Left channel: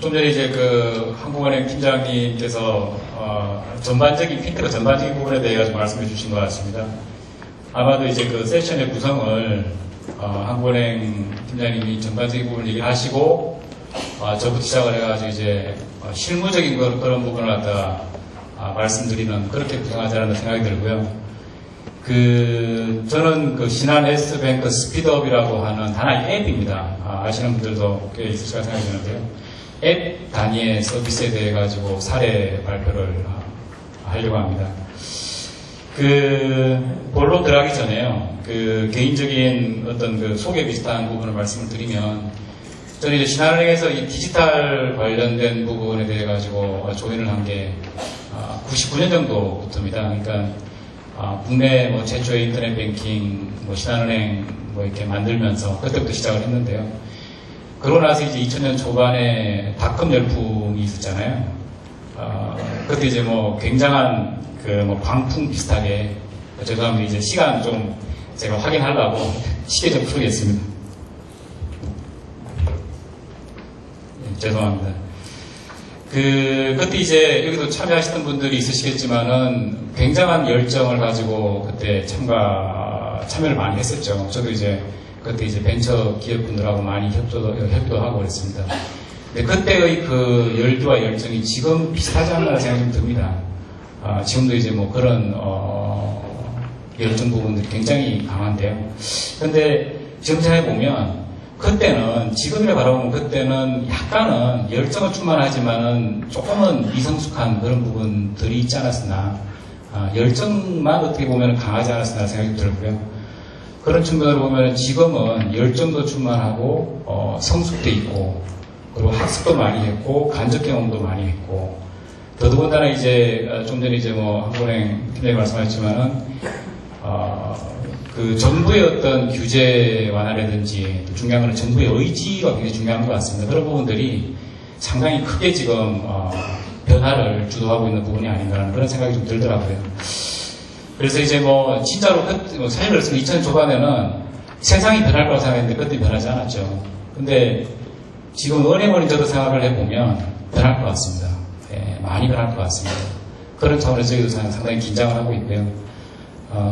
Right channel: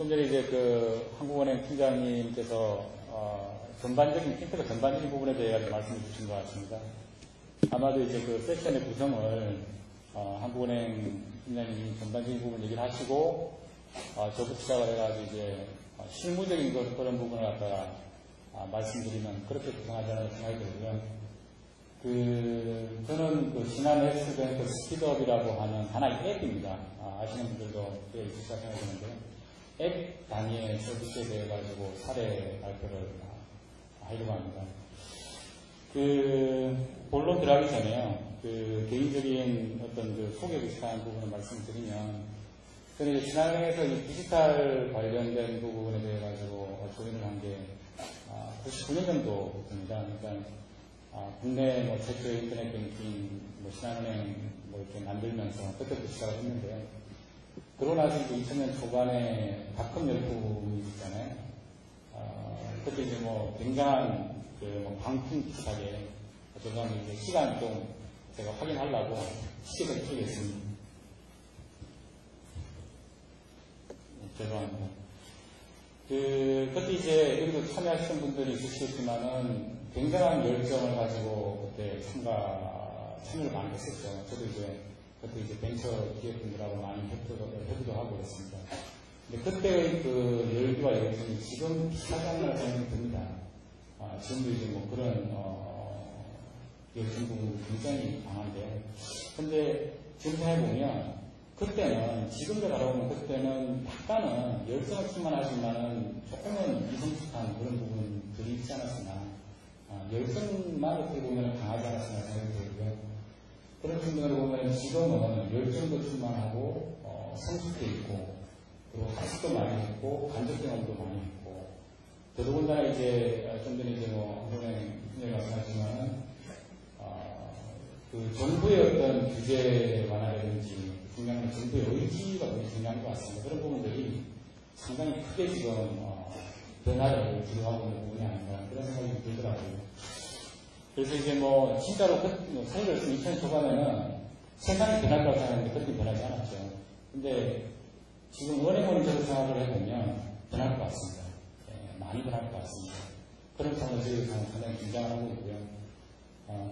좀 전에 이제 그 한국은행 팀장님께서 전반적인 핀테크 전반적인 부분에 대해 가지고 말씀해 주신 것 같습니다. 아마도 이제 그 세션의 구성을 한국은행 팀장님이 전반적인 부분을 얘기하시고 저부터 시작을 해가지고 이제 실무적인 그런 부분을 갖다 말씀드리는 그렇게 구성하지 않았나 생각이 들고요. 저는 그 신한 S뱅크 스피드업이라고 하는 하나의 앱입니다. 아시는 분들도 꽤 있으실 생각이 드는데요. 앱 단위의 서비스에 대해 가지고 사례 발표를 하려고 합니다. 본론 들어가기 전에요. 개인적인 어떤 소개 비슷한 부분을 말씀을 드리면, 저는 이제 신한은행에서 이 디지털 관련된 부분에 대해 가지고 조인을 한 게 99년 정도부터입니다. 그러니까 국내 최초의 인터넷 뱅킹, 신한은행 이렇게 만들면서 그때부터 시작을 했는데요. 그러고 나서 이제 2000년 초반에 닷컴 열풍이 있었잖아요. 그때 이제 굉장한 광풍 비슷하게, 죄송합니다. 이제 시간 좀 제가 확인하려고 시계 좀 풀겠습니다. 죄송합니다. 그때 이제 여기도 참여하시던 분들이 있으시겠지만은 굉장한 열정을 가지고 그때 참여를 많이 했었죠. 저도 이제 그때 이제 벤처 기업분들하고 많이 협조도 하고 그랬습니다. 근데 그때의 그 열기와 열정이 지금 비슷하지 않나 생각이 좀 듭니다. 지금도 이제 그런 열정 부분들이 굉장히 강한데요. 근데 지금 생각해보면 그때는, 지금이라 바라보면 그때는 약간은 열정은 충만하지만은 조금은 미성숙한 그런 부분들이 있지 않았으나, 열정만 어떻게 보면 강하지 않았으나 생각이 들고요. 그런 측면으로 보면 지금은 열정도 충만하고, 성숙돼 있고, 그리고 학습도 많이 했고, 간접 경험도 많이 했고, 더더군다나 이제, 좀 전에 이제 한국은행 팀장님 말씀하셨지만은, 정부의 어떤 규제 완화라든지, 또 중요한 건 정부의 의지가 굉장히 중요한 것 같습니다. 그런 부분들이 상당히 크게 지금 변화를 주도하고 있는 부분이 아닌가라는 그런 생각이 좀 들더라고요. 그래서 이제 진짜로 사실 그래서 2000년 초반에는 세상이 변할 거라고 생각했는데 그때 변하지 않았죠. 근데 지금 은행원이 저도 생각을 해보면 변할 것 같습니다. 많이 변할 것 같습니다. 그런 차원에서 저희도 상당히 긴장을 하고 있고요.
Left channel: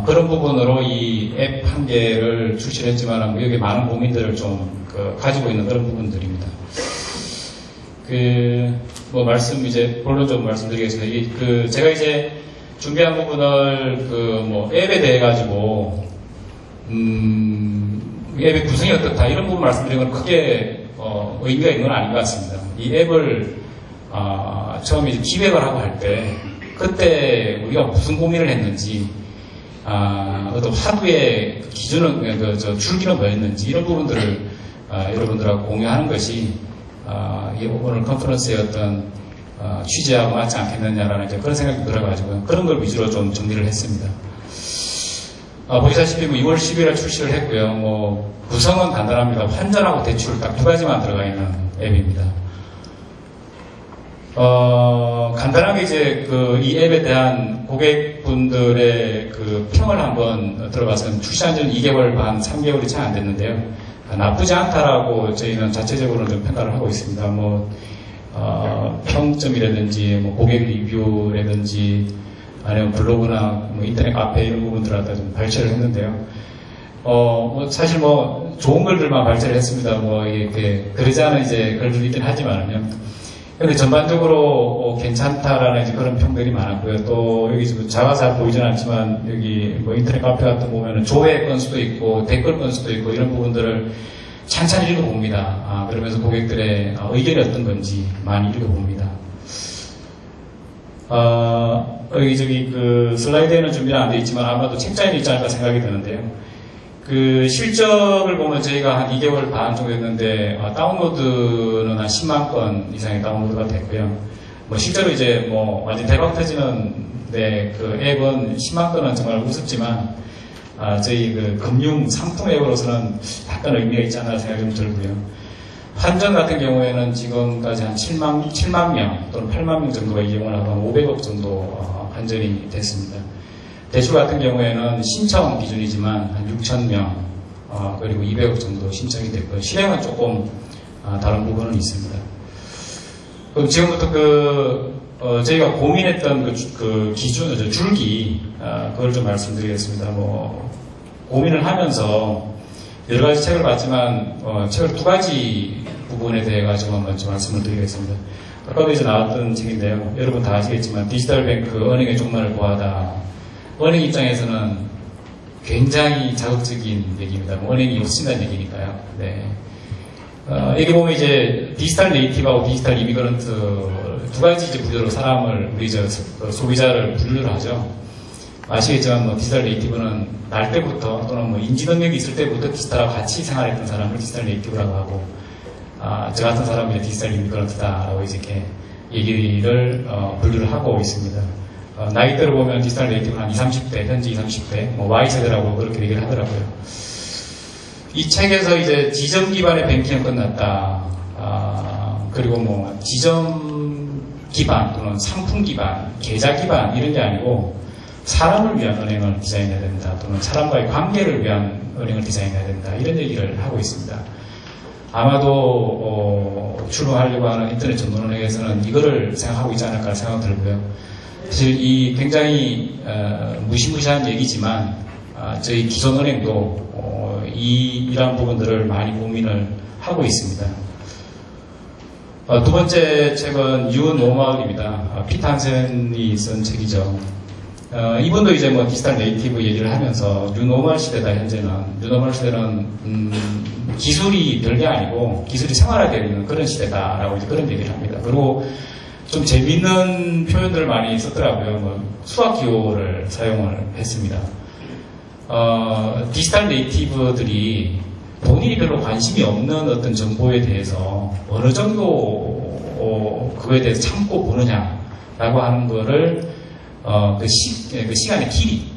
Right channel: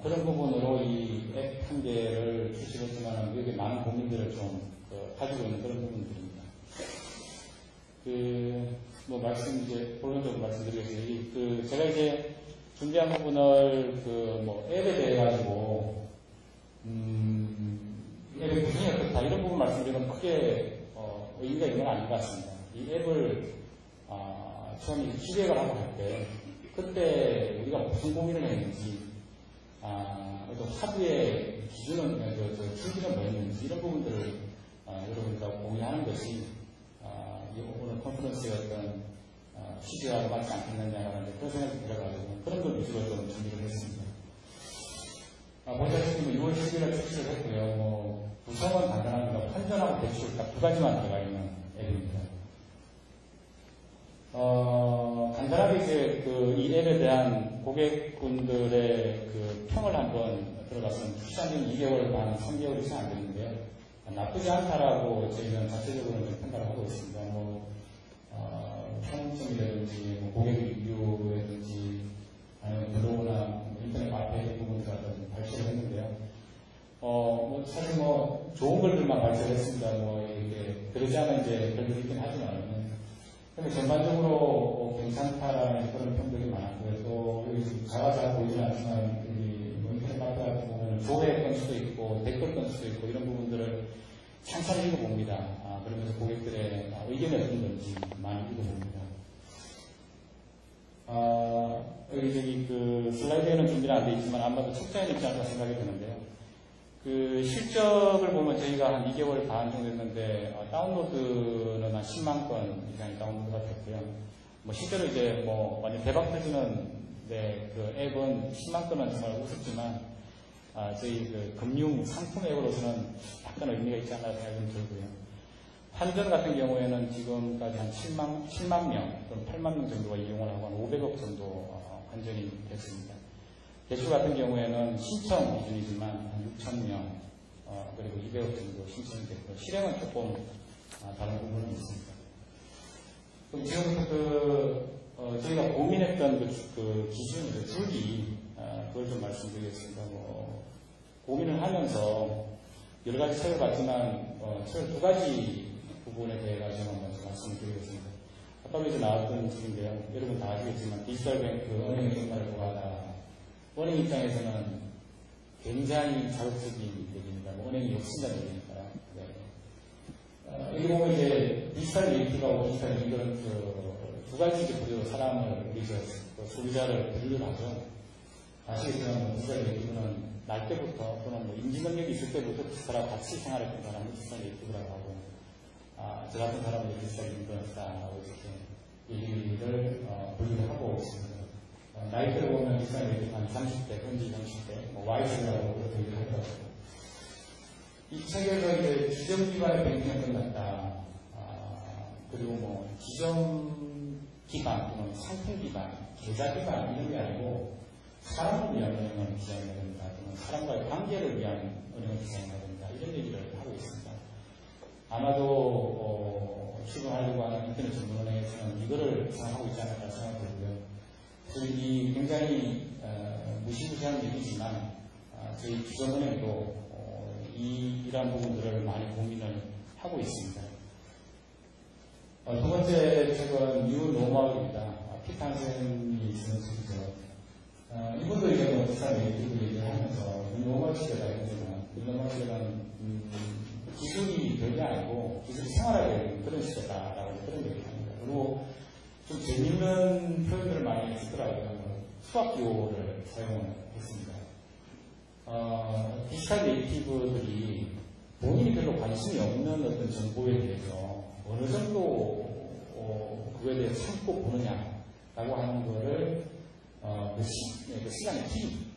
그런 부분으로 이 앱 한 개를 출시를 했지만 여기 많은 고민들을 좀 가지고 있는 그런 부분들입니다. 이제 본론적으로 말씀드리겠습니다. 제가 이제 준비한 부분을 앱에 대해 가지고 앱의 구성이 어떻다 이런 부분 말씀드리는 건 크게 의미가 있는 건 아닌 것 같습니다. 이 앱을 처음에 이제 기획을 하고 할 때 그때 우리가 무슨 고민을 했는지, 어떤 하루의 기준은, 줄기는 뭐였는지, 이런 부분들을, 여러분들하고 공유하는 것이, 오늘 컨퍼런스의 어떤, 취재하고 맞지 않겠느냐라는 그런 생각이 들어가지고요. 그런 걸 위주로 좀 정리를 했습니다. 보시다시피 2월 10일에 출시를 했고요. 구성은 간단합니다. 환전하고 대출 딱 두 가지만 들어가 있는 앱입니다. 간단하게 이제 이 앱에 대한 고객분들의 평을 한번 들어봐서 출시한 지는 2개월 반, 3개월이 채 안 됐는데요. 나쁘지 않다라고 저희는 자체적으로 좀 평가를 하고 있습니다. 평점이라든지, 고객 리뷰라든지, 아니면 블로그나 인터넷 카페 이런 부분들을 갖다 좀 발췌를 했는데요. 사실 좋은 글들만 발췌를 했습니다. 이렇게 그러지 않은 이제 글들이 있긴 하지만요. 근데 전반적으로 괜찮다라는 이제 그런 평들이 많았고요. 또 여기 지금 자가 잘 보이진 않지만 여기 인터넷 카페 같은 거 보면은 조회 건수도 있고 댓글 건수도 있고 이런 부분들을 찬찬히 읽어봅니다. 그러면서 고객들의 의견이 어떤 건지 많이 읽어봅니다. 여기 슬라이드에는 준비는 안 돼 있지만 아마도 책자에는 있지 않을까 생각이 드는데요. 실적을 보면 저희가 한 2개월 반 정도 됐는데, 다운로드는 한 10만 건 이상의 다운로드가 됐고요. 실제로 이제 완전 대박 터지는데, 앱은 10만 건은 정말 우습지만, 저희 금융 상품 앱으로서는 약간 의미가 있지 않나 생각이 좀 들고요. 환전 같은 경우에는 지금까지 한 7만 명 또는 8만 명 정도가 이용을 하고 한 500억 정도 환전이 됐습니다. 대출 같은 경우에는 신청 기준이지만 한 6,000명, 그리고 200억 정도 신청이 됐고요. 실행은 조금 다른 부분은 있습니다. 그럼 지금부터 저희가 고민했던 그 기준, 줄기, 그걸 좀 말씀드리겠습니다. 고민을 하면서 여러 가지 책을 봤지만, 책을 두 가지 부분에 대해 가지고 한번 좀 말씀을 드리겠습니다. 아까도 이제 나왔던 책인데요. 여러분 다 아시겠지만, 디지털 뱅크 언행의 종말을 고하다. 언행 입장에서는 굉장히 자극적인 얘기입니다. 언행이 없으신다는 얘기니까요. 네. 여기 보면 이제 디지털 네이티브하고 디지털 이미그런트 두 가지 이제 부류로 사람을, 우리 소비자를 분류를 하죠. 아시겠지만 디지털 네이티브는 날 때부터 또는 인지 능력이 있을 때부터 디지털하고 같이 생활했던 사람을 디지털 네이티브라고 하고, 저 같은 사람이 디지털 이미그런트다라고 이렇게 얘기를 분류를 하고 있습니다. 나이대로 보면 디지털 네이티브는 한 20, 30대, 현재 20, 30대, Y세대라고 그렇게 얘기를 하더라고요. 이 책에서 이제 지점 기반의 뱅킹은 끝났다. 그리고 지점 기반 또는 상품 기반, 계좌 기반 이런 게 아니고 사람을 위한 은행을 디자인해야 된다. 또는 사람과의 관계를 위한 은행을 디자인해야 된다. 이런 얘기를 하고 있습니다. 아마도 출범하려고 하는 인터넷 전문은행에서는 이거를 생각하고 있지 않을까 생각이 들고요. 사실 이 굉장히 무시무시한 얘기지만 저희 기존은행도 이러한 부분들을 많이 고민을 하고 있습니다. 두 번째 책은 뉴 노멀입니다. 피터 한센이 쓴 책이죠. 이분도 이제 디지털 네이티브 얘기를 하면서 뉴 노멀 시대다. 현재는 뉴 노멀 시대는 기술이 별게 아니고 기술이 생활화되는 그런 시대다라고 이제 그런 얘기를 합니다. 그리고 좀 재밌는 표현들을 많이 썼더라고요. 수학 기호를 사용을 했습니다. 디지털 네이티브들이 본인이 별로 관심이 없는 어떤 정보에 대해서 어느 정도 그거에 대해서 참고 보느냐라고 하는 거를 그 시간의 길이,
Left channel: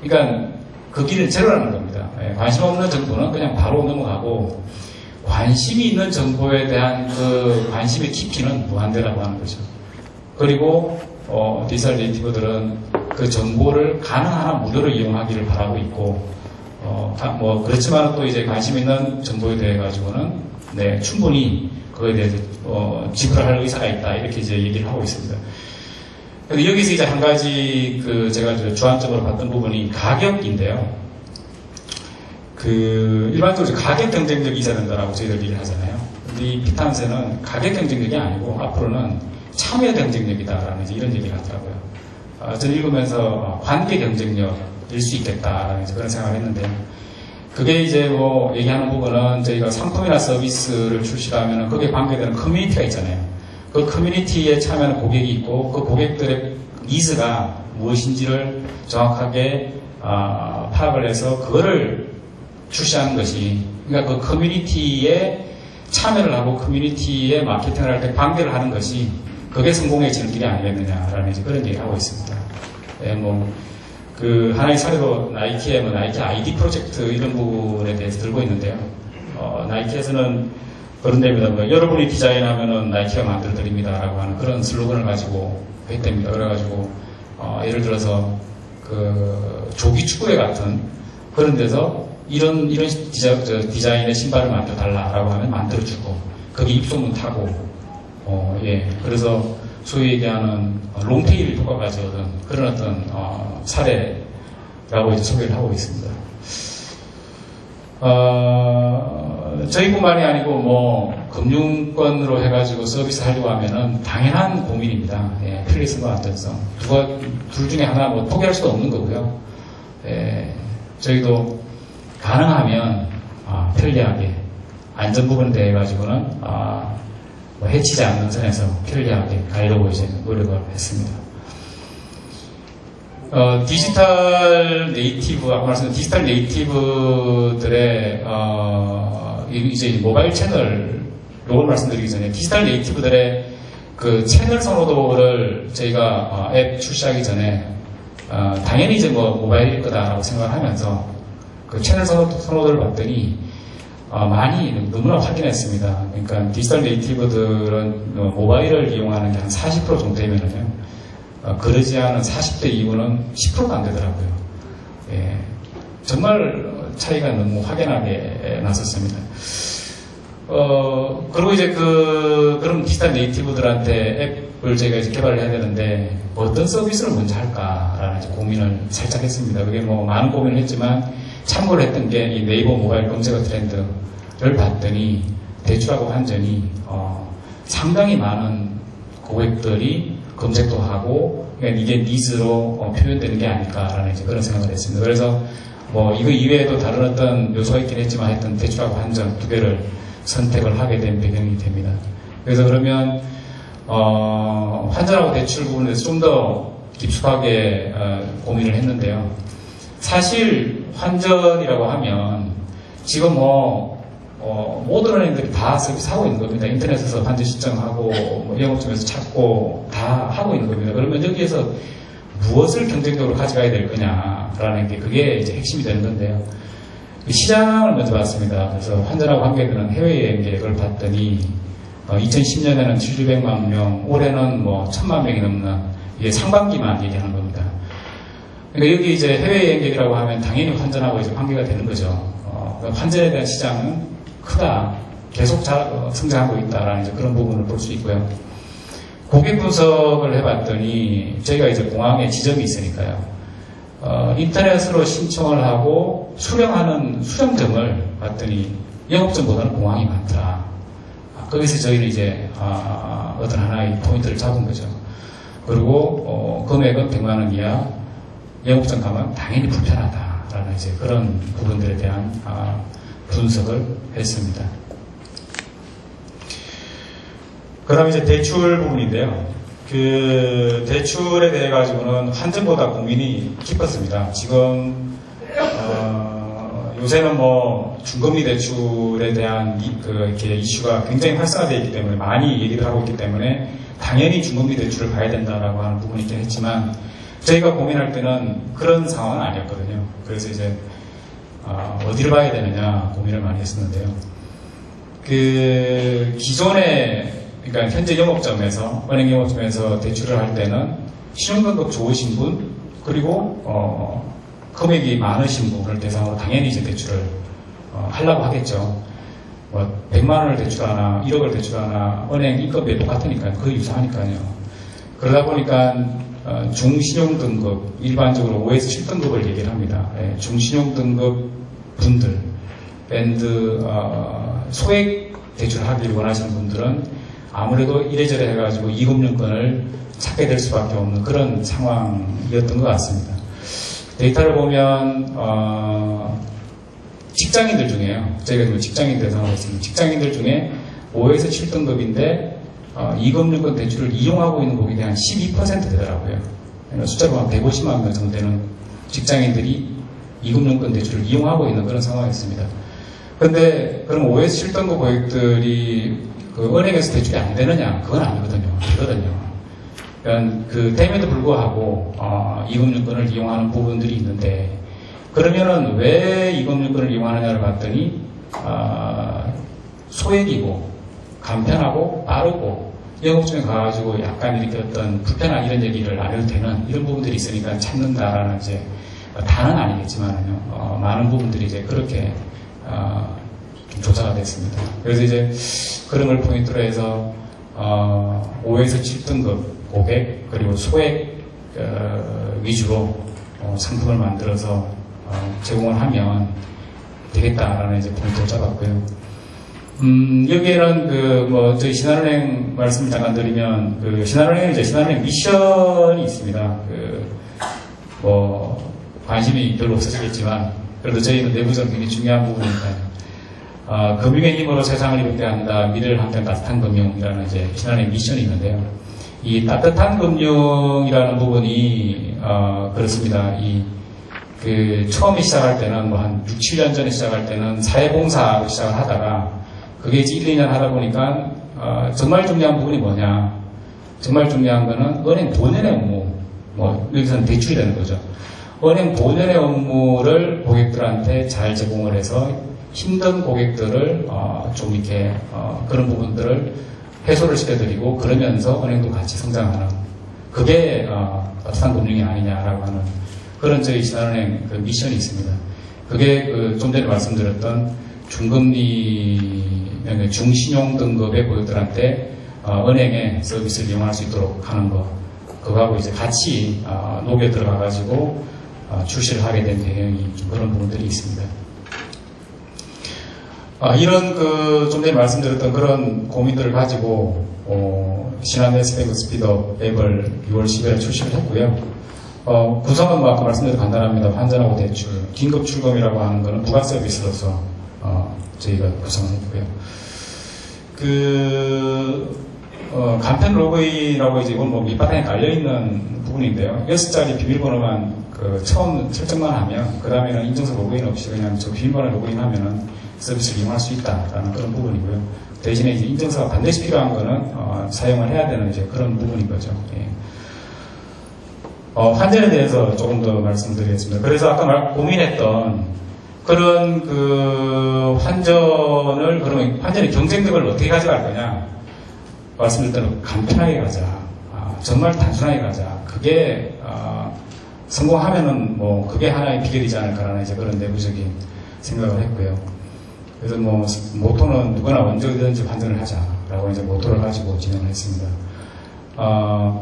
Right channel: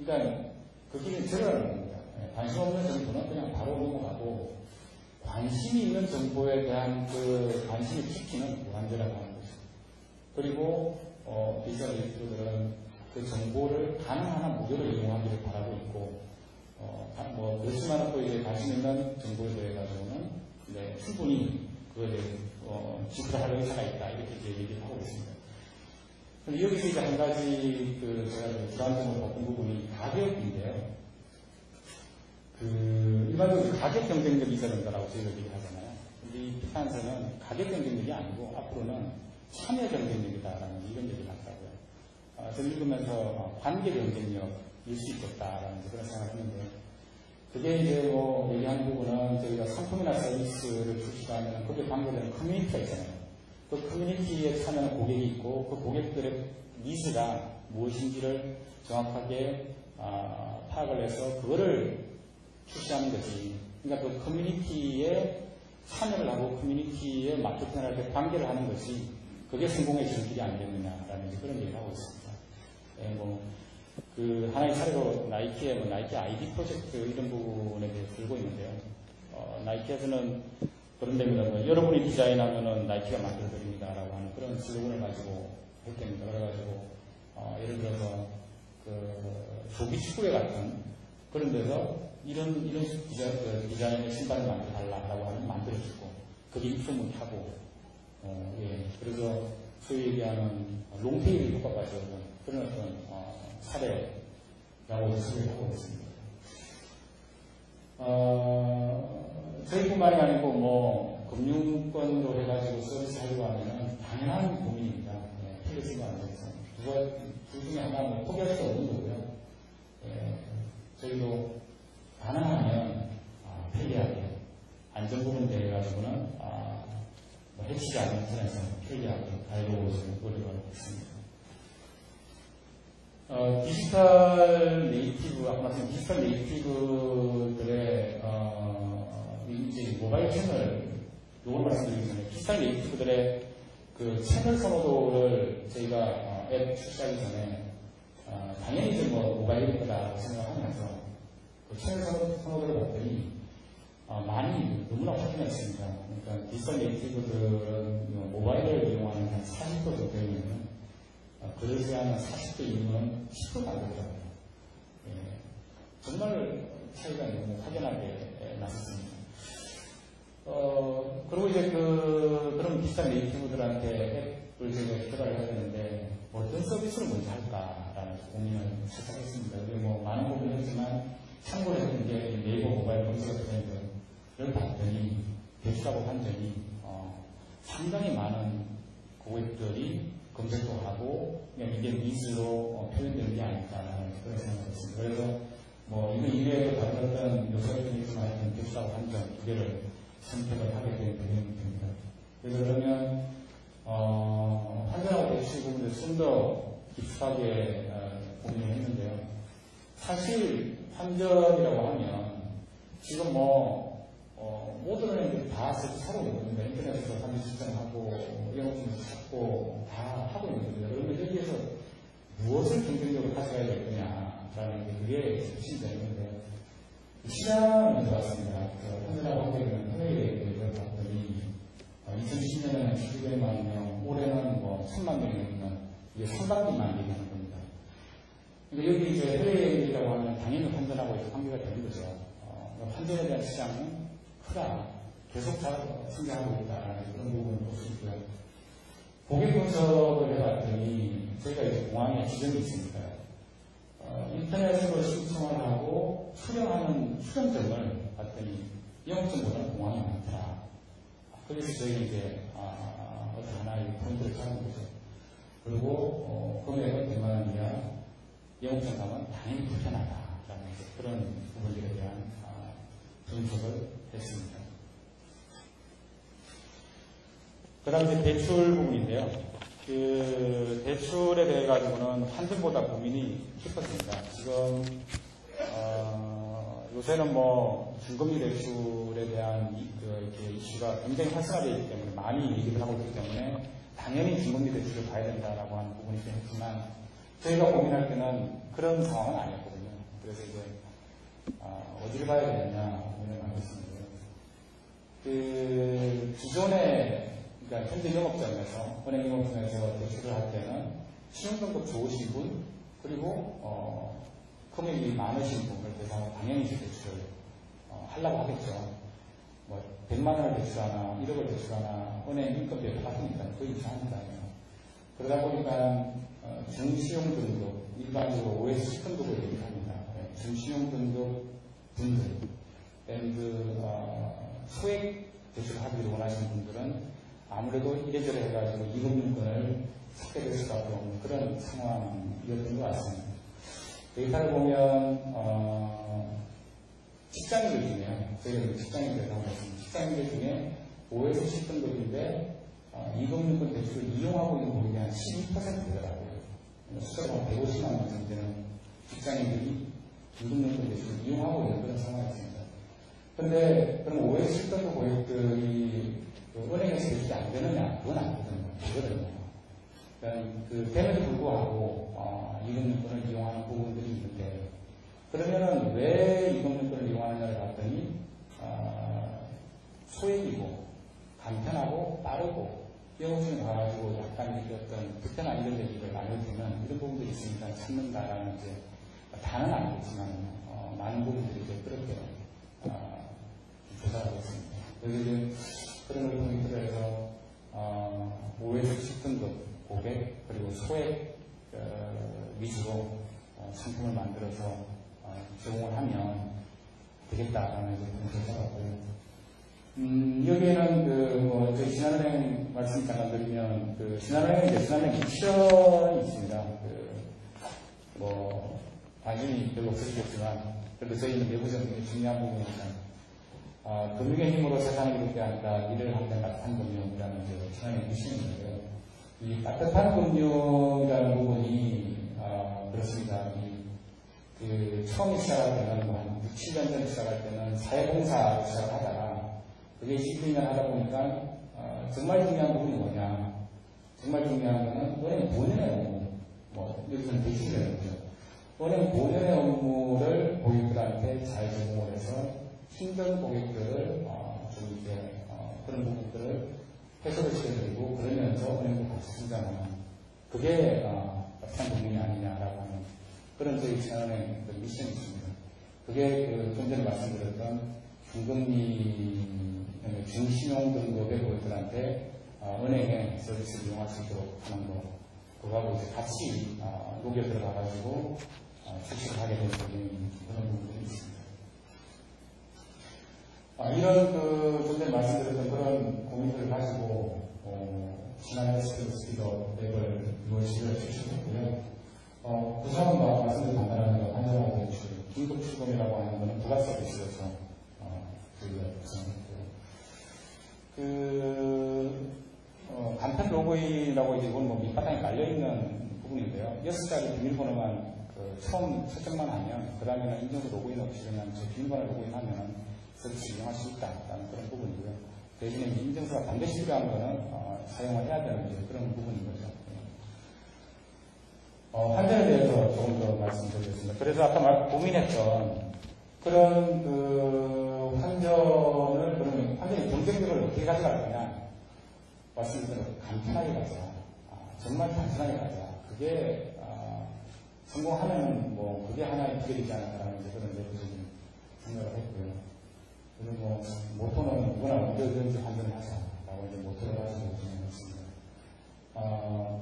그러니까 그 길은 제로라는 겁니다. 관심 없는 정보는 그냥 바로 넘어가고 관심이 있는 정보에 대한 그 관심의 깊이는 무한대라고 하는 거죠. 그리고 디지털 네이티브들은 그 정보를 가능한 한 무료로 이용하기를 바라고 있고, 그렇지만 또 이제 관심 있는 정보에 대해 가지고는 충분히 그거에 대해서 지불할 의사가 있다. 이렇게 이제 얘기를 하고 있습니다. 근데 여기서 이제 한 가지 제가 주안점으로 봤던 부분이 가격인데요. 일반적으로 가격 경쟁력이 있어야 된다라고 저희들 얘기를 하잖아요. 근데 이 피터 한센은 가격 경쟁력이 아니고 앞으로는 참여 경쟁력이다라는 이런 얘기를 하더라고요. 저는 읽으면서 관계 경쟁력일 수 있겠다라는 그런 생각을 했는데요. 그게 이제 얘기하는 부분은 저희가 상품이나 서비스를 출시하면 거기에 관계되는 커뮤니티가 있잖아요. 그 커뮤니티에 참여하는 고객이 있고 그 고객들의 니즈가 무엇인지를 정확하게 파악을 해서 그거를 출시하는 것이, 그러니까 그 커뮤니티에 참여를 하고 커뮤니티에 마케팅을 할 때 관계를 하는 것이 그게 성공의 지름길이 아니겠느냐라는 그런 얘기를 하고 있습니다. 하나의 사례로 나이키의 나이키 아이디 프로젝트 이런 부분에 대해서 들고 있는데요. 나이키에서는 그런 데입니다. 여러분이 디자인하면은 나이키가 만들어 드립니다라고 하는 그런 슬로건을 가지고 했답니다. 그래가지고 예를 들어서 조기 축구회 같은 그런 데서 이런 디자인의 신발을 만들어 달라라고 하면 만들어주고 거기 입소문 타고 그래서 소위 얘기하는 롱테일 효과가 가져오던 그런 어떤 사례라고 이제 소개를 하고 있습니다. 저희뿐만이 아니고 금융권으로 해가지고 서비스 하려고 하면은 당연한 고민입니다. 편리성과 안전성. 둘 중에 하나 포기할 수도 없는 거고요. 저희도 가능하면 편리하게 안전 부분에 대해 가지고는 해치지 않는 선에서 편리하게 가려고 이제 노력을 했습니다. 디지털 네이티브, 아까 말씀드린 디지털 네이티브들의 이제 모바일 채널 요걸 말씀드리기 전에 디지털 네이티브들의 그 채널 선호도를 저희가 앱 출시하기 전에 당연히 이제 모바일일 거다라고 생각하면서 그 채널 선호도를 봤더니 많이 너무나 확인했습니다. 그러니까 디지털 네이티브들은 모바일을 이용하는 게 한 40% 정도 되면은요, 그러지 않은 40대 이후는 10%가 안 되더라고요. 정말 차이가 너무 확연하게 났었습니다. 그리고 이제 그런 디지털 네이티브들한테 앱을 저희가 이제 개발을 해야 되는데, 어떤 서비스를 먼저 할까라는 이제 고민을 살짝 했습니다. 그게 뭐 많은 고민을 했지만, 참고를 했던 게 이 네이버 모바일 검색어 트렌드를 봤더니, 대출하고 환전이, 상당히 많은 고객들이 검색도 하고, 그러니까 이게 니즈로 표현되는 게 아닐까라는 이제 그런 생각을 했습니다. 그래서 뭐 이거 이외에도 다른 어떤 요소가 있긴 했지만 하여튼 대출하고 환전 두 개를 선택을 하게 된 배경이 됩니다. 그래서 그러면 환전하고 대출 부분에 대해서 좀 더 깊숙하게 고민을 했는데요. 사실 환전이라고 하면 지금 모든 은행들이 다 서비스하고 있는 겁니다. 인터넷에서 환전 신청하고 뭐 영업점에서 찾고 다 하고 있는 겁니다. 그러면 여기에서 무엇을 경쟁적으로 가져가야 될 거냐라는 게 그게 이제 핵심이 되는 건데요. 시장을 먼저 봤습니다. 그래서 환전하고 관계되는 해외여행 계획을 봤더니 2010년에는 700만 명, 올해는 뭐 1000만 명이 넘는 이게 상반기만 얘기하는 겁니다. 그러니까 여기 이제 해외여행 계획이라고 하면 당연히 환전하고 이제 관계가 되는 거죠. 환전에 대한 시장은 크다, 계속 성장하고 있다라는 이제 그런 부분을 볼 수 있고요. 고객 분석을 해봤더니 저희가 이제 공항에 지점이 있으니까요. 인터넷으로 신청을 하고 수령하는 수령점을 봤더니 영업점보다는 공항이 많더라. 거기서 저희는 이제 어떤 하나의 포인트를 잡은 거죠. 그리고 금액은 100만 원 이하, 영업점 가면 당연히 불편하다라는 이제 그런 부분들에 대한 분석을 했습니다. 그럼 이제 대출 부분인데요. 그 대출에 대해 가지고는 환전보다 고민이 깊었습니다. 지금 요새는 뭐 중금리 대출에 대한 이렇게 이슈가 굉장히 활성화되어 있기 때문에 많이 얘기를 하고 있기 때문에 당연히 중금리 대출을 가야 된다라고 하는 부분이 있긴 했지만 저희가 고민할 때는 그런 상황은 아니었거든요. 그래서 이제 어디를 봐야 되느냐 고민을 많이 했었는데요. 그 기존에 그러니까 현재 영업점에서 은행 영업점에서 대출을 할 때는 신용등급 좋으신 분 그리고 금액이 많으신 분을 대상으로 당연히 이제 대출을 하려고 하겠죠. 뭐 100만 원을 대출하나 1억을 대출하나 은행 인건비 똑같으니까 거의 유사하니까요. 그러다 보니까 중신용등급 일반적으로 5에서 7등급을 얘기를 합니다. 네, 중신용등급 분들 밴드 소액 대출하기를 원하시는 분들은 아무래도 이래저래 해가지고 이금융권을 찾게 될 수밖에 없는 그런 상황이었던 것 같습니다. 데이터를 보면 직장인들 중에요. 저희가 직장인 대상으로 했습니다. 직장인들 중에 5에서 7등급인데 이금융권 대출을 이용하고 있는 고객이 한 12% 되더라고요. 숫자로 한 150만 명 정도 되는 직장인들이 이금융권 대출을 이용하고 있는 그런 상황이었습니다. 그런데 그럼 5에서 7등급 고객들이 그 은행에서 대출이 안 되느냐? 그건 아니거든요. 되거든요. 그러니까 됨에도 불구하고 이금융권을 이용하는 부분들이 있는데 그러면은 왜 이금융권을 이용하느냐를 봤더니 소액이고 간편하고 빠르고 영업중에 가가지고 약간 이렇게 어떤 불편한 이런 얘기를 안 해도 되는 이런 부분들이 있으니까 찾는다라는 이제 다는 아니겠지만요. 많은 부분들이 이제 그렇게 좀 조사가 됐습니다. 그래서 이제 그런 걸 포인트로 해서 5에서 7등급 고객 그리고 소액 위주로 상품을 만들어서 제공을 하면 되겠다라는 이제 포인트를 잡았고요. 여기에는 저희 신한은행 말씀 잠깐 드리면 신한은행은 이제 신한은행 미션이 있습니다. 관심이 별로 없으시겠지만 그래도 저희는 내부적으로 굉장히 중요한 부분이니까요. 금융의 힘으로 세상을 이롭게 한다. 미래를 함께 따뜻한 금융이라는 이제 신한은행 미션이 있는데요. 이 따뜻한 금융이라는 부분이 그렇습니다. 처음에 시작할 때는 한 6, 7년 전에 시작할 때는 사회봉사로 시작을 하다가 그게 이제 1, 2년 하다 보니까 정말 중요한 부분이 뭐냐? 정말 중요한 거는 은행 본연의 업무, 여기서는 대출이 되는 거죠. 은행 본연의 업무를 고객들한테 잘 제공을 해서 힘든 고객들을 좀 이렇게 그런 부분들을 해소를 시켜드리고 그러면서 은행도 같이 성장하는 그게 따뜻한 금융이 아니냐라고 하는 그런 저희 신한은행 미션이 있습니다. 그게 좀 전에 말씀드렸던 중금리, 중신용 등급의 고객들한테 은행에 서비스를 이용할 수 있도록 하는 거, 그거하고 이제 같이 녹여 들어가가지고 출시를 하게 된 배경이 좀 그런 부분들이 있습니다. 이런 좀 전에 말씀드렸던 그런 고민들을 가지고 신한네스뱅크 스피드업 앱을 6월 10일에 출시를 했고요. 구성은 아까 말씀드린 간단합니다. 환전하고 대출, 긴급 출금이라고 하는 것은 부가 서비스로서 저희가 구성했고요. 간편 로그인이라고 이제 이건 뭐 밑바탕에 깔려있는 부분인데요. 6자리 비밀번호만 처음 설정만 하면, 그 다음에는 인증서 로그인 없이 그냥 저 비밀번호 로그인하면은 서비스를 이용할 수 있다라는 그런 부분이고요. 대신에 이제 인증서가 반드시 필요한 거는 사용을 해야 되는 이제 그런 부분인 거죠. 예. 환전에 대해서 조금 더 말씀드리겠습니다. 그래서 아까 고민했던 그런 환전을, 그러면 환전의 경쟁력을 어떻게 가져갈 거냐? 말씀드렸던 간편하게 가자. 정말 단순하게 가자. 그게, 성공하면은 뭐, 그게 하나의 비결이지 않을까라는 이제 그런 내부적인 생각을 했고요. 그래서 뭐, 모토는 누구나 언제든지 환전을 하자라고 이제 모토를 가지고 진행을 했습니다.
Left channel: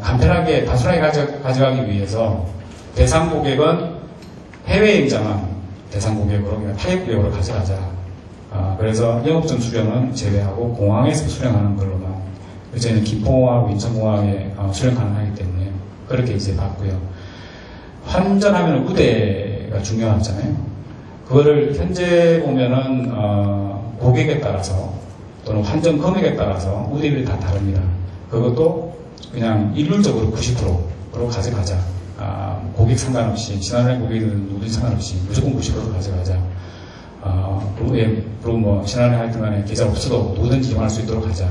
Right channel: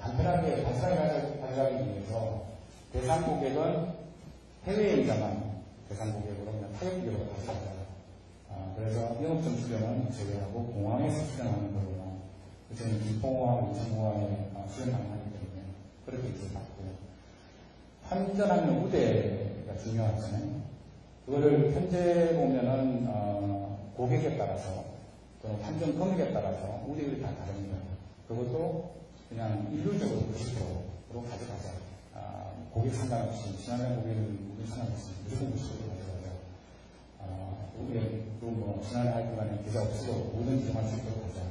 간편하게, 단순하게 가져가기 위해서 대상 고객은 해외임자만 대상 고객으로, 그냥 타입 고객으로 가져가자. 그래서 영업점 수령은 제외하고 공항에서 수령하는 걸로만, 이제는 김포공항하고 인천공항에 수령 가능하기 때문에 그렇게 이제 봤고요. 환전하면 우대가 중요하잖아요. 그거를 현재 보면은 고객에 따라서 또는 환전 금액에 따라서 우대율이 다 다릅니다. 그것도 그냥 일률적으로 90%로 가져가자. 고객 상관없이, 지난해 고객이든 누구든 상관없이 무조건 90% 가져가자. 그리고 뭐 지난해 하여튼 간에 계좌 없어도 누구든지 이용할 수 있도록 하자.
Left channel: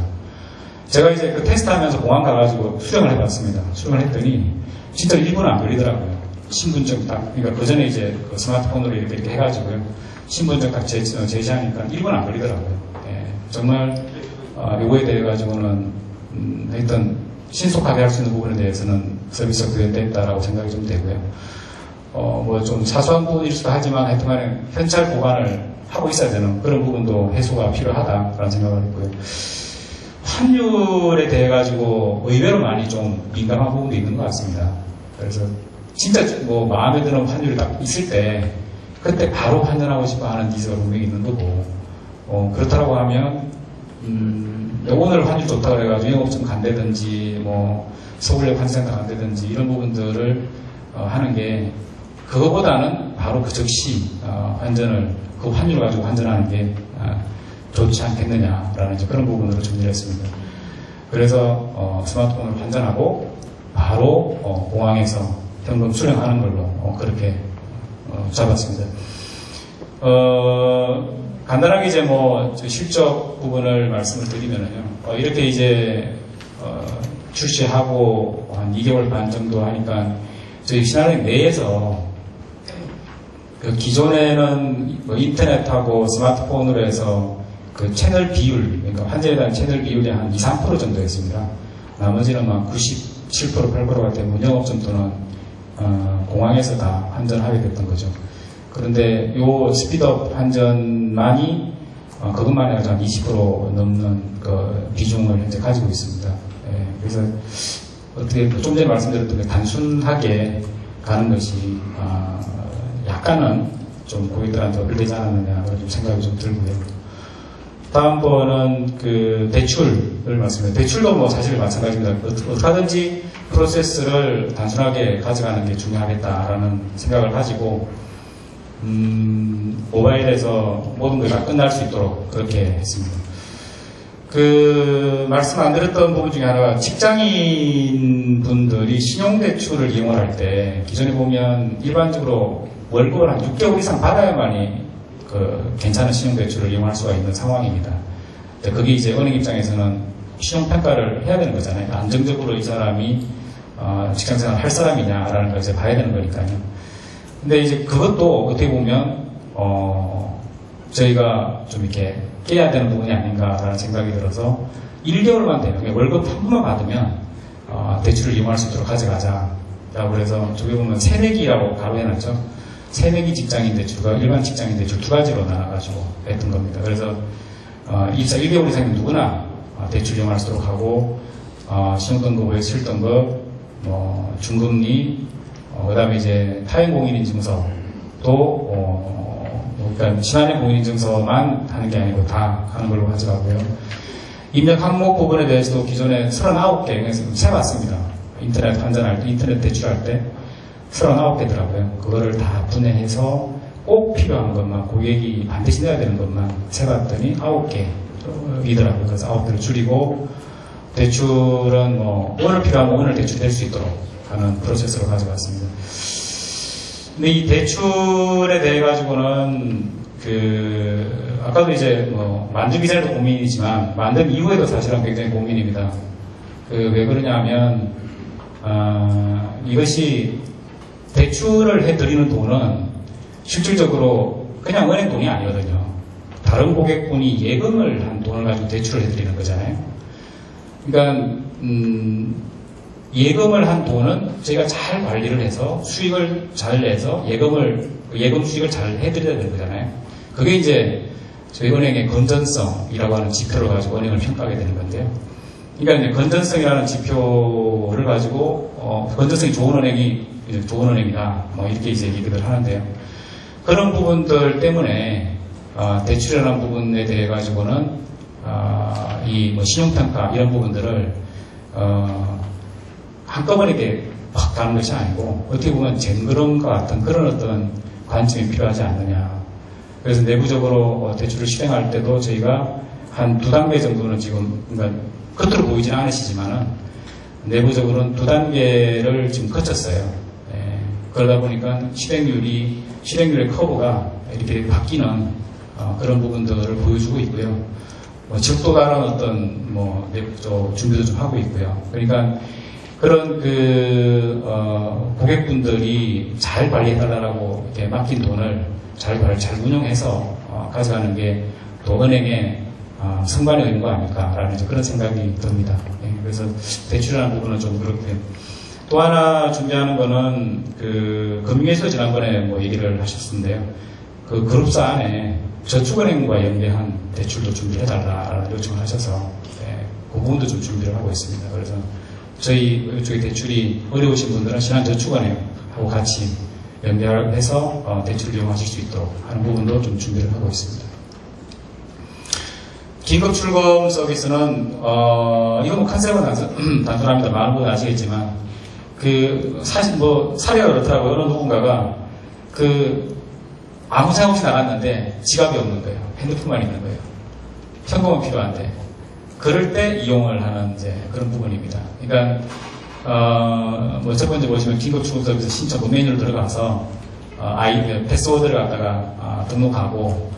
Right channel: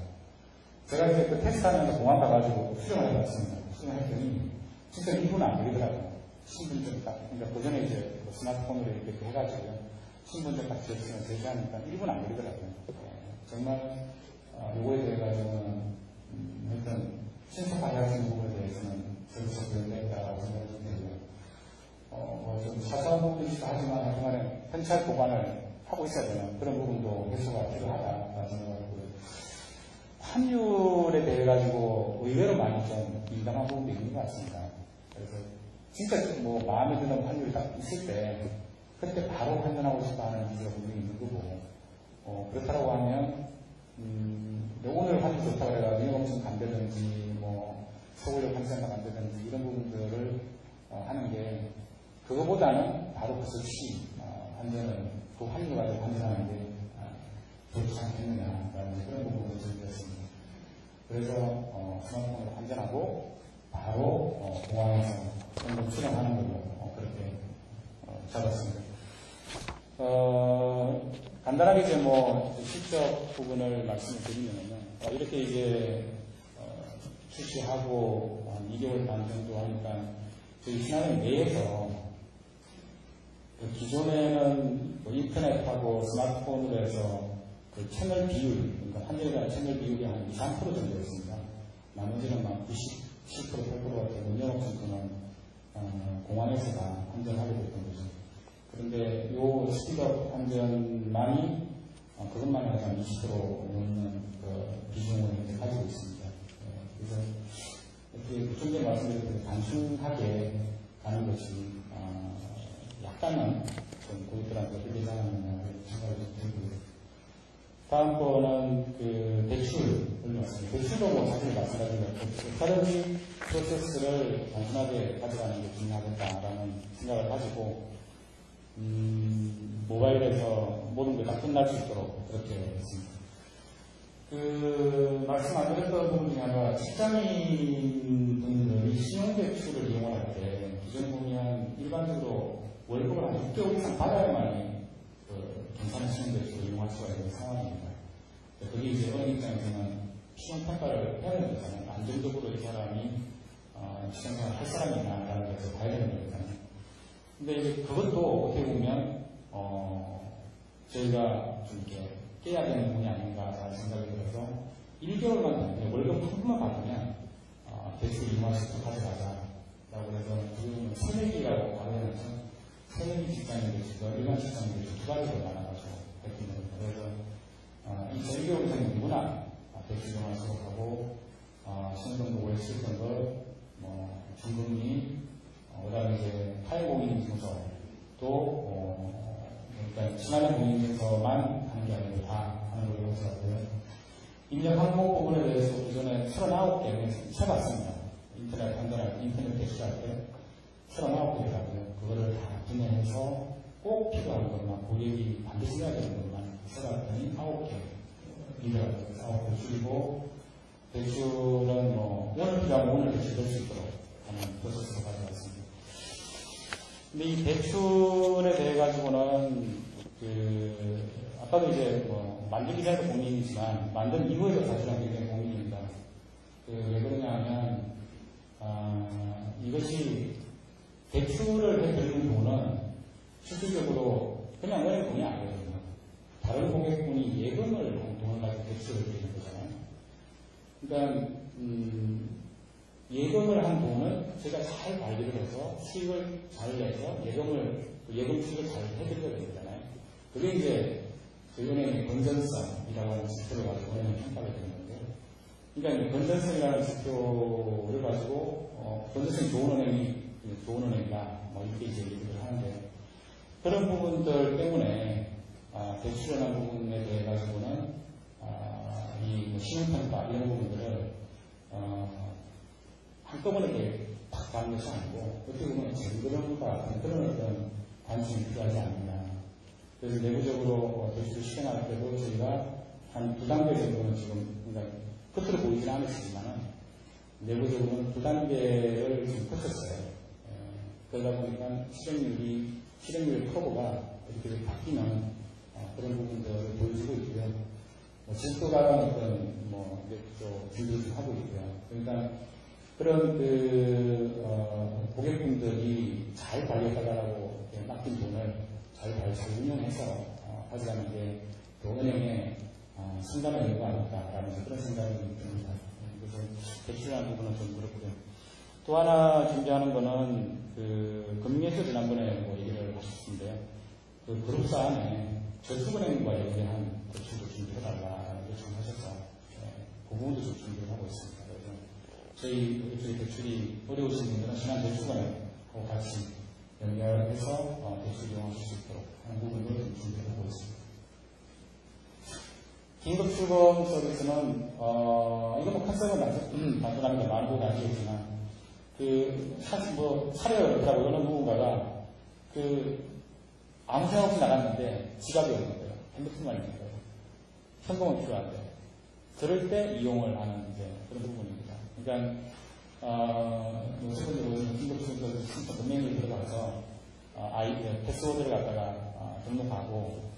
제가 이제 그 테스트하면서 공항 가가지고 수령을 해봤습니다. 수령을 했더니 진짜 1분 안 걸리더라고요. 신분증 딱, 그러니까 그 전에 이제 그 스마트폰으로 이렇게 해가지고요. 신분증 딱 제시하니까 1분 안 걸리더라고요. 예, 정말 요거에 대해 가지고는 하여튼 신속하게 할 수 있는 부분에 대해서는 서비스가 구현됐다라고 생각이 좀 되고요. 뭐 좀 사소한 부분일 수도 하지만 하여튼 간에 현찰 보관을 하고 있어야 되는 그런 부분도 해소가 필요하다라는 생각을 했고요. 환율에 대해 가지고 의외로 많이 좀 민감한 부분도 있는 것 같습니다. 그래서 진짜 뭐 마음에 드는 환율이 딱 있을 때 그때 바로 환전하고 싶어 하는 니즈가 분명히 있는 거고, 그렇다고 하면 오늘 환율 좋다고 그래가지고 영업점 간다든지 뭐 서울역 환전센터 간다든지 이런 부분들을 하는 게, 그거보다는 바로 그 즉시 환전을 그 환율 가지고 환전하는 게 좋지 않겠느냐라는 이제 그런 부분으로 정리를 했습니다. 그래서 스마트폰을 환전하고 바로 공항에서 현금 수령하는 걸로 그렇게 잡았습니다. 간단하게 이제 뭐 실적 부분을 말씀을 드리면은요, 이렇게 이제 출시하고 한 2개월 반 정도 하니까 저희 신한은행 내에서 그 기존에는 뭐 인터넷하고 스마트폰으로 해서 그 채널 비율, 그러니까 환전에 대한 채널 비율이 한 2, 3% 정도였습니다. 나머지는 막 97%, 8%가 되고 영업점 또는 공항에서 다 환전하게 됐던 거죠. 그런데 요 스피드업 환전만이 그것만 해서 한 20% 넘는 그 비중을 현재 가지고 있습니다. 예, 그래서 어떻게 좀 전에 말씀드렸던 게 단순하게 가는 것이 약간은 좀 고객들한테 어필되지 않았느냐 그런 생각이 좀 들고요. 다음번은 그 대출을 말씀드려요. 대출도 뭐 사실 마찬가지입니다. 어떻게든지 프로세스를 단순하게 가져가는 게 중요하겠다라는 생각을 가지고 모바일에서 모든 것이 다 끝날 수 있도록 그렇게 했습니다. 그 말씀 안 드렸던 부분 중에 하나가 직장인 분들이 신용대출을 이용을 할 때 기존에 보면 일반적으로 월급을 한 6개월 이상 받아야만이 그 괜찮은 신용대출을 이용할 수가 있는 상황입니다. 그게 이제 은행 입장에서는 신용평가를 해야 되는 거잖아요. 안정적으로 이 사람이 직장생활 할 사람이냐라는 걸 이제 봐야 되는 거니까요. 근데 이제 그것도 어떻게 보면 저희가 좀 이렇게 깨야 되는 부분이 아닌가라는 생각이 들어서 1개월만 되면 월급 한 번만 받으면 대출을 이용할 수 있도록 가져가자라고 그래서 저기 보면 새내기라고 가로 해놨죠. 새내기 직장인 대출과 일반 직장인 대출 두 가지로 나눠가지고 했던 겁니다. 그래서 입사 1개월 이상이면 누구나 대출 이용할 수 있도록 하고 신용등급, 실등급, 중금리, 그 다음에 이제 타인 공인인증서 그러니까 신한의 공인인증서만 하는 게 아니고 다 하는 걸로 가져가고요. 입력 항목 부분에 대해서도 기존에 39개 세봤습니다. 인터넷 환전할 때, 인터넷 대출할 때 39개더라고요. 그거를 다 분해해서 꼭 필요한 것만, 고객이 반드시 내야 되는 것만 세봤더니 9개이더라고요. 그래서 9개를 줄이고, 대출은 오늘 필요하면 오늘 대출될 수 있도록 하는 프로세스로 가져갔습니다. 근데 이 대출에 대해 가지고는 아까도 이제 만들기 전에도 고민이지만 만든 이후에도 사실은 굉장히 고민입니다. 왜 그러냐면 이것이 대출을 해드리는 돈은 실질적으로 그냥 은행 돈이 아니거든요. 다른 고객분이 예금을 한 돈을 가지고 대출을 해드리는 거잖아요. 그러니까 예금을 한 돈은 저희가 잘 관리를 해서 수익을 잘 내서 예금 수익을 잘 해드려야 되는 거잖아요. 그게 이제 저희 은행의 건전성이라고 하는 지표를 가지고 은행을 평가하게 되는 건데요. 그러니까 이제 건전성이라는 지표를 가지고 건전성이 좋은 은행이 좋은 은행이다 이렇게 이제 얘기를 하는데요. 그런 부분들 때문에 대출이라는 부분에 대해 가지고는 이 신용평가 이런 부분들을 한꺼번에 이렇게 확 가는 것이 아니고 어떻게 보면 쟁그름과 같은 그런 어떤 관점이 필요하지 않느냐. 그래서 내부적으로 대출을 실행할 때도 저희가 한 2단계 정도는 지금 그러니까 겉으로 보이진 않으시지만은 내부적으로는 2단계를 지금 거쳤어요. 그러다 보니까 실행률의 커브가 이렇게 바뀌는 그런 부분들을 보여주고 있고요. 적도 다른 어떤 내부적 준비도 좀 하고 있고요. 그러니까 그런 고객분들이 잘 관리해달라고 이렇게 맡긴 돈을 잘 운영해서 가져가는 게 또 은행의 승관의 의무가 아닐까라는 그런 생각이 듭니다. 그래서 대출이라는 부분은 좀 그렇고요. 또 하나 준비하는 거는 금융에서 지난번에 얘기를 하셨는데요. 그 그룹사 안에 저축은행과 연계한 대출도 준비해달라는 요청을 하셔서 그 부분도 좀 준비를 하고 있습니다. 그래서 저희 이쪽에 대출이 어려우신 분들은 신한저축은행하고 같이 연결해서 대출을 이용하실 수 있도록 하는 부분도 좀 준비를 하고 있습니다. 긴급 출금 서비스는 이건 컨셉은 단순합니다. 많은 분은 아시겠지만 사실 사례가 그렇더라고요. 어느 누군가가 아무 생각 없이 나갔는데 지갑이 없는 거예요. 핸드폰만 있는 거예요. 현금은 필요한데 그럴 때 이용을 하는 그런 부분입니다. 그러니까 첫 번째 보시면 긴급 출금 서비스 신청 메뉴로 들어가서 패스워드를 갖다가 등록하고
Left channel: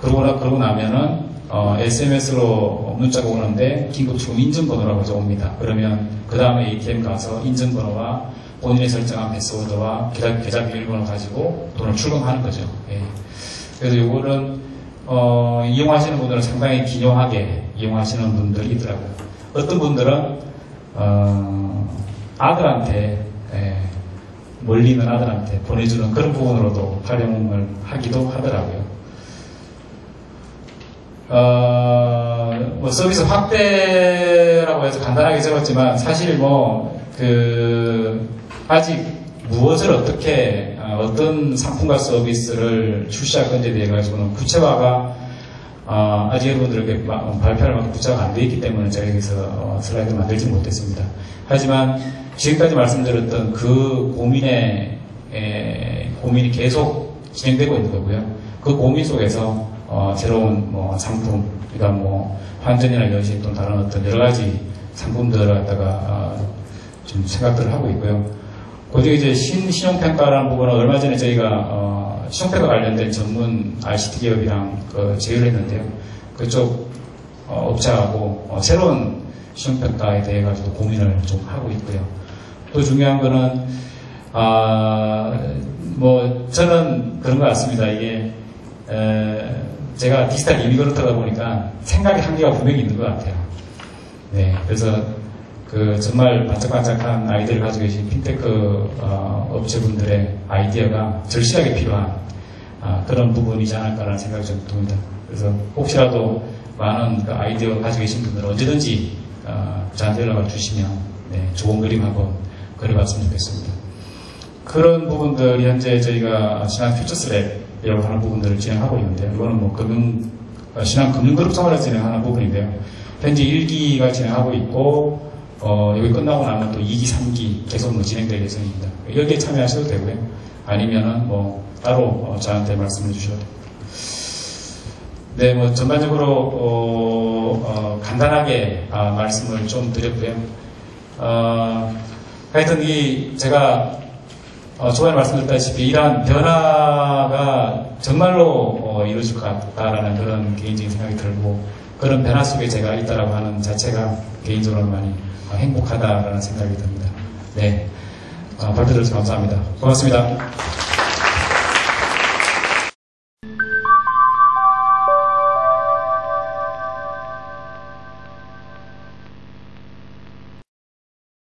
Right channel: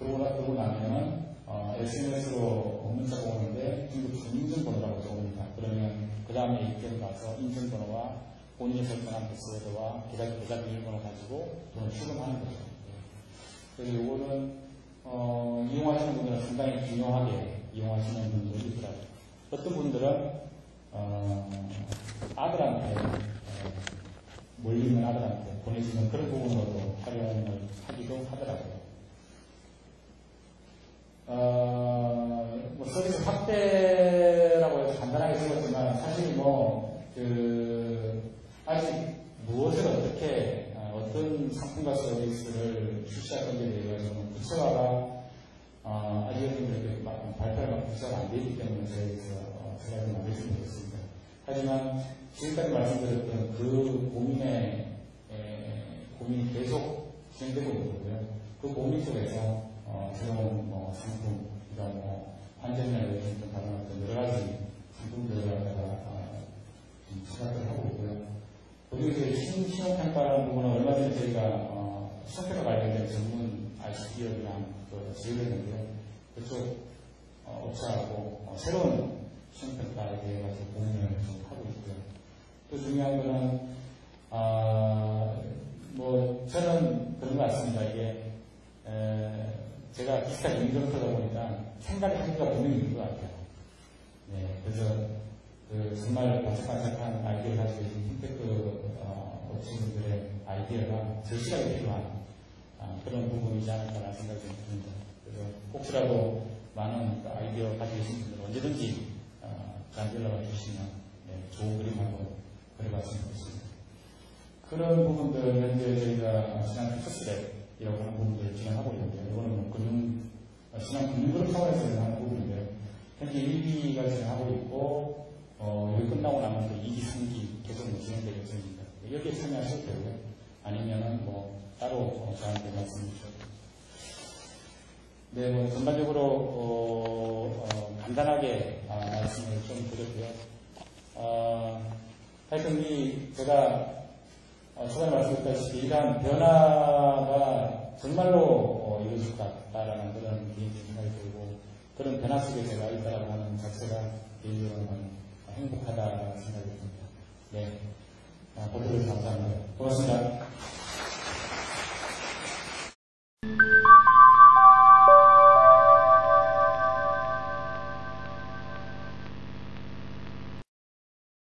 그러고 나면은 SMS로 문자가 오는데 긴급 출금 인증번호라고 옵니다. 그러면 그 다음에 ATM 가서 인증번호와 본인이 설정한 패스워드와 계좌 비밀번호 가지고 돈을 출금하는 거죠. 그래서 이거는 이용하시는 분들은 상당히 기묘하게 이용하시는 분들이 있더라고요. 어떤 분들은 아들한테 멀리 있는 아들한테 보내주는 그런 부분으로도 활용을 하기도 하더라고요. 서비스 확대라고 해서 간단하게 적었지만 사실 아직 무엇을 어떻게 어떤 상품과 서비스를 출시할 건지에 대해 가지고는 구체화가 아직 여러분들에게 발표할 만큼 구체화가 안 되어 있기 때문에 저희가 여기서 슬라이드 만들지 못했습니다. 하지만 지금까지 말씀드렸던 그 고민이 계속 진행되고 있는 거고요. 그 고민 속에서 새로운 상품, 그러니까 환전이나 연신 또는 다른 어떤 여러 가지 상품들을 갖다가 좀 생각들을 하고 있고요. 그중에 이제 신용평가라는 부분은 얼마 전에 저희가 신용평가 관련된 전문 ICT 기업이랑 제휴를 했는데요. 그쪽 업체하고 새로운 신용평가에 대해 가지고 고민을 좀 하고 있고요. 또 중요한 거는 저는 그런 것 같습니다. 이게 제가 디지털 이미그런트다 보니까 생각의 한계가 분명히 있는 것 같아요. 그래서 정말 반짝반짝한 아이디어를 가지고 계신 핀테크 업체분들의 아이디어가 절실하게 필요한 그런 부분이지 않을까라는 생각이 좀 듭니다. 그래서 혹시라도 많은 아이디어 가지고 계신 분들은 언제든지 저한테 연락을 주시면 좋은 그림 한번 그려봤으면 좋겠습니다. 그런 부분들이 현재 저희가 신한 퓨처스랩이라고 하는 부분들을 진행하고 있는데요. 이거는 뭐 신한 금융그룹 차원에서 진행하는 부분인데요. 현재 1기가 진행하고 있고 여기 끝나고 나면 또 2기, 3기 계속 진행될 예정입니다. 여기에 참여하셔도 되고요. 아니면은 따로 저한테 말씀해 주셔도 됩니다. 네, 전반적으로 간단하게 말씀을 좀 드렸고요. 하여튼 제가 초반에 말씀드렸다시피 이러한 변화가 정말로 이루어질 것 같다라는 그런 개인적인 생각이 들고, 그런 변화 속에 제가 있다라고 하는 자체가 개인적으로 많이 행복하다라는 생각이 듭니다. 네, 발표드려서 감사합니다. 고맙습니다.